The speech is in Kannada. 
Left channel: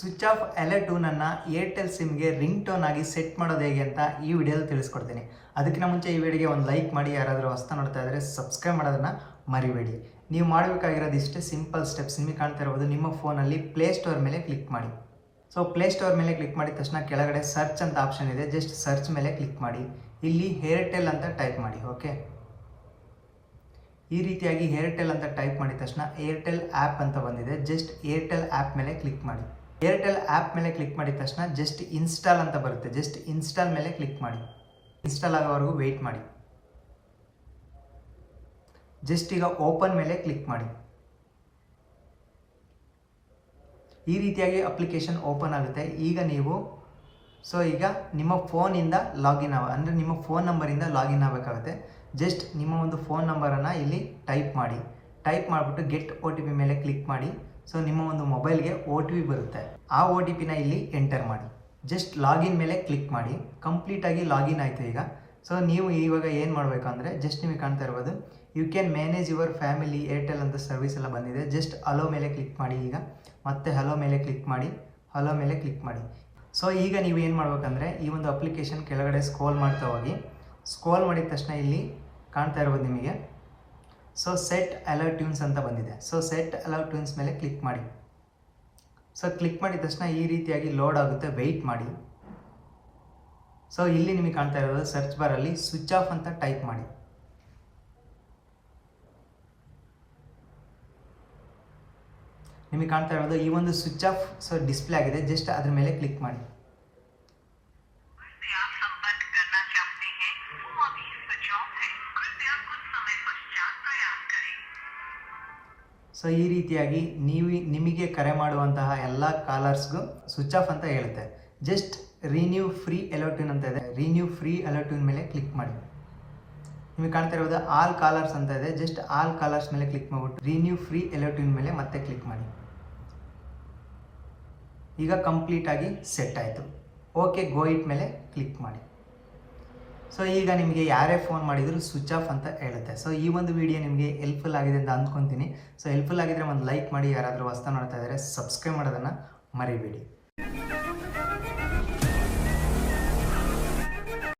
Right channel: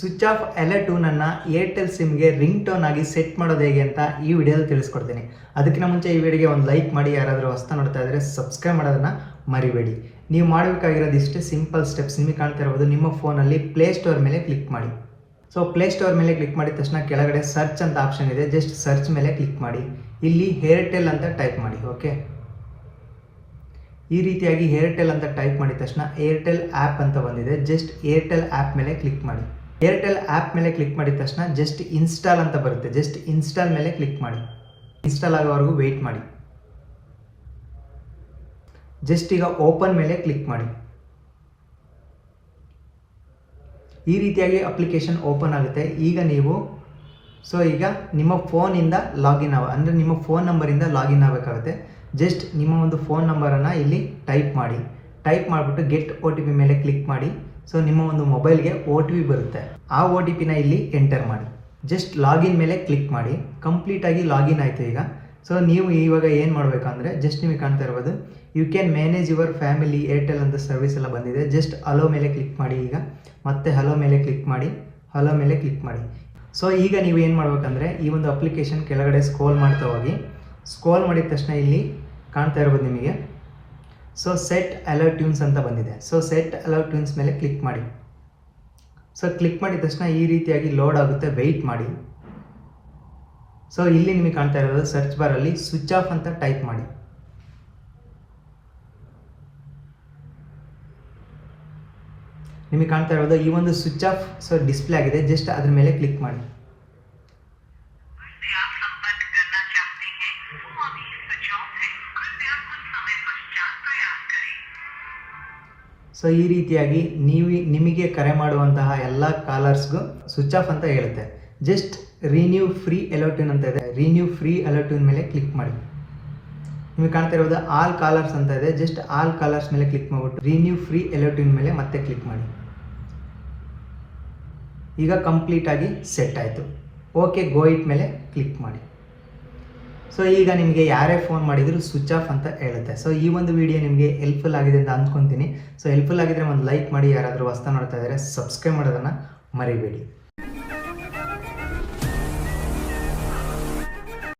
ಸ್ವಿಚ್ ಆಫ್ ಅಲರ್ಟ್ ಟ್ಯೂನನ್ನು ಏರ್ಟೆಲ್ ಸಿಮ್ಗೆ ರಿಂಗ್ ಟೋನ್ ಆಗಿ ಸೆಟ್ ಮಾಡೋದು ಹೇಗೆ ಅಂತ ಈ ವಿಡಿಯೋದಲ್ಲಿ ತಿಳಿಸ್ಕೊಡ್ತೀನಿ. ಅದಕ್ಕಿಂತ ಮುಂಚೆ ಈ ವಿಡಿಯೋಗೆ ಒಂದು ಲೈಕ್ ಮಾಡಿ, ಯಾರಾದರೂ ಹೊಸ್ತಾ ನೋಡ್ತಾ ಇದ್ದರೆ ಸಬ್ಸ್ಕ್ರೈಬ್ ಮಾಡೋದನ್ನು ಮರಿಬೇಡಿ. ನೀವು ಮಾಡಬೇಕಾಗಿರೋದು ಇಷ್ಟೇ ಸಿಂಪಲ್ ಸ್ಟೆಪ್ಸ್. ನಿಮಗೆ ಕಾಣ್ತಾ ಇರ್ಬೋದು, ನಿಮ್ಮ ಫೋನಲ್ಲಿ ಪ್ಲೇಸ್ಟೋರ್ ಮೇಲೆ ಕ್ಲಿಕ್ ಮಾಡಿ. ಸೊ ಪ್ಲೇಸ್ಟೋರ್ ಮೇಲೆ ಕ್ಲಿಕ್ ಮಾಡಿದ ತಕ್ಷಣ ಕೆಳಗಡೆ ಸರ್ಚ್ ಅಂತ ಆಪ್ಷನ್ ಇದೆ, ಜಸ್ಟ್ ಸರ್ಚ್ ಮೇಲೆ ಕ್ಲಿಕ್ ಮಾಡಿ. ಇಲ್ಲಿ ಏರ್ಟೆಲ್ ಅಂತ ಟೈಪ್ ಮಾಡಿ. ಓಕೆ, ಈ ರೀತಿಯಾಗಿ ಏರ್ಟೆಲ್ ಅಂತ ಟೈಪ್ ಮಾಡಿದ ತಕ್ಷಣ ಏರ್ಟೆಲ್ ಆ್ಯಪ್ ಅಂತ ಬಂದಿದೆ, ಜಸ್ಟ್ ಏರ್ಟೆಲ್ ಆ್ಯಪ್ ಮೇಲೆ ಕ್ಲಿಕ್ ಮಾಡಿ. ಏರ್ಟೆಲ್ ಆ್ಯಪ್ ಮೇಲೆ ಕ್ಲಿಕ್ ಮಾಡಿದ ತಕ್ಷಣ ಜಸ್ಟ್ ಇನ್ಸ್ಟಾಲ್ ಅಂತ ಬರುತ್ತೆ, ಜಸ್ಟ್ ಇನ್ಸ್ಟಾಲ್ ಮೇಲೆ ಕ್ಲಿಕ್ ಮಾಡಿ. ಇನ್ಸ್ಟಾಲ್ ಆಗೋವರೆಗೂ ವೆಯ್ಟ್ ಮಾಡಿ. ಜಸ್ಟ್ ಈಗ ಓಪನ್ ಮೇಲೆ ಕ್ಲಿಕ್ ಮಾಡಿ. ಈ ರೀತಿಯಾಗಿ ಅಪ್ಲಿಕೇಶನ್ ಓಪನ್ ಆಗುತ್ತೆ. ಈಗ ನೀವು ಈಗ ನಿಮ್ಮ ಫೋನಿಂದ ಲಾಗಿನ್ ಅಂದರೆ ನಿಮ್ಮ ಫೋನ್ ನಂಬರಿಂದ ಲಾಗಿನ್ ಆಗಬೇಕಾಗುತ್ತೆ. ಜಸ್ಟ್ ನಿಮ್ಮ ಒಂದು ಫೋನ್ ನಂಬರನ್ನು ಇಲ್ಲಿ ಟೈಪ್ ಮಾಡಿ. ಟೈಪ್ ಮಾಡಿಬಿಟ್ಟು ಗೆಟ್ OTP ಮೇಲೆ ಕ್ಲಿಕ್ ಮಾಡಿ. ಸೊ ನಿಮ್ಮ ಒಂದು ಮೊಬೈಲ್ಗೆ OTP ಬರುತ್ತೆ, ಆ OTPನ ಇಲ್ಲಿ ಎಂಟರ್ ಮಾಡಿ. ಜಸ್ಟ್ ಲಾಗಿನ್ ಮೇಲೆ ಕ್ಲಿಕ್ ಮಾಡಿ. ಕಂಪ್ಲೀಟಾಗಿ ಲಾಗಿನ್ ಆಯಿತು ಈಗ. ಸೊ ನೀವು ಇವಾಗ ಏನು ಮಾಡಬೇಕಂದ್ರೆ, ಜಸ್ಟ್ ನಿಮಗೆ ಕಾಣ್ತಾ ಇರ್ಬೋದು, you can manage your family Airtel ಅಂತ ಸರ್ವಿಸ್ ಎಲ್ಲ ಬಂದಿದೆ. ಜಸ್ಟ್ ಹಲೋ ಮೇಲೆ ಕ್ಲಿಕ್ ಮಾಡಿ. ಈಗ ಮತ್ತೆ ಹಲೋ ಮೇಲೆ ಕ್ಲಿಕ್ ಮಾಡಿ, ಹಲೋ ಮೇಲೆ ಕ್ಲಿಕ್ ಮಾಡಿ. ಸೊ ಈಗ ನೀವು ಏನು ಮಾಡಬೇಕಂದ್ರೆ, ಈ ಒಂದು ಅಪ್ಲಿಕೇಶನ್ ಕೆಳಗಡೆ ಸ್ಕ್ರೋಲ್ ಮಾಡ್ತಾ ಹೋಗಿ. ಸ್ಕ್ರೋಲ್ ಮಾಡಿದ ತಕ್ಷಣ ಇಲ್ಲಿ ಕಾಣ್ತಾ ಇರ್ಬೋದು ನಿಮಗೆ, ಸೊ ಸೆಟ್ ಅಲರ್ಟ್ ಟ್ಯೂನ್ಸ್ ಅಂತ ಬಂದಿದೆ. ಸೊ ಸೆಟ್ ಅಲರ್ಟ್ ಟ್ಯೂನ್ಸ್ ಮೇಲೆ ಕ್ಲಿಕ್ ಮಾಡಿ. ಸೊ ಕ್ಲಿಕ್ ಮಾಡಿದ ತಕ್ಷಣ ಈ ರೀತಿಯಾಗಿ ಲೋಡ್ ಆಗುತ್ತೆ, ವೆಯ್ಟ್ ಮಾಡಿ. ಸೊ ಇಲ್ಲಿ ನಿಮಗೆ ಕಾಣ್ತಾ ಇರೋದು ಸರ್ಚ್ ಬಾರಲ್ಲಿ ಸ್ವಿಚ್ ಆಫ್ ಅಂತ ಟೈಪ್ ಮಾಡಿ. ನಿಮಗೆ ಕಾಣ್ತಾ ಇರೋದು ಈ ಒಂದು ಸ್ವಿಚ್ ಆಫ್ ಡಿಸ್ಪ್ಲೇ ಆಗಿದೆ, ಜಸ್ಟ್ ಅದ್ರ ಮೇಲೆ ಕ್ಲಿಕ್ ಮಾಡಿ. ಸೊ ಈ ರೀತಿಯಾಗಿ ನಿಮಗೆ ಕರೆ ಮಾಡುವಂತಹ ಎಲ್ಲ ಕಾಲರ್ಸ್ಗೂ ಸ್ವಿಚ್ ಆಫ್ ಅಂತ ಹೇಳುತ್ತೆ. Just renew free alert tune ಅಂತ ಇದೆ, ರಿನ್ಯೂ ಫ್ರೀ ಅಲರ್ಟ್ ಟ್ಯೂನ್ ಮೇಲೆ ಕ್ಲಿಕ್ ಮಾಡಿ. ನಿಮಗೆ ಕಾಣ್ತಾ ಇರೋದು ಆಲ್ ಕಾಲರ್ಸ್ ಅಂತ ಇದೆ, ಜಸ್ಟ್ ಆಲ್ ಕಾಲರ್ಸ್ ಮೇಲೆ ಕ್ಲಿಕ್ ಮಾಡಿಬಿಟ್ಟು ರಿನ್ಯೂ ಫ್ರೀ ಅಲರ್ಟ್ ಟ್ಯೂನ್ ಮೇಲೆ ಮತ್ತೆ ಕ್ಲಿಕ್ ಮಾಡಿ. ಈಗ ಕಂಪ್ಲೀಟಾಗಿ ಸೆಟ್ ಆಯಿತು. ಓಕೆ ಗೋ ಇಟ್ ಮೇಲೆ ಕ್ಲಿಕ್ ಮಾಡಿ. ಸೊ ಈಗ ನಿಮಗೆ ಯಾರೇ ಫೋನ್ ಮಾಡಿದರೂ ಸ್ವಿಚ್ ಆಫ್ ಅಂತ ಹೇಳುತ್ತೆ. ಸೊ ಈ ಒಂದು ವಿಡಿಯೋ ನಿಮಗೆ ಹೆಲ್ಪ್ಫುಲ್ ಆಗಿದೆ ಅಂತ ಅಂದ್ಕೊತೀನಿ. ಸೊ ಹೆಲ್ಪ್ಫುಲ್ ಆಗಿದ್ರೆ ಒಂದು ಲೈಕ್ ಮಾಡಿ, ಯಾರಾದರೂ ಹೊಸ್ತಾ ನೋಡ್ತಾ ಇದ್ದರೆ ಸಬ್ಸ್ಕ್ರೈಬ್ ಮಾಡೋದನ್ನು ಮರಿಬೇಡಿ.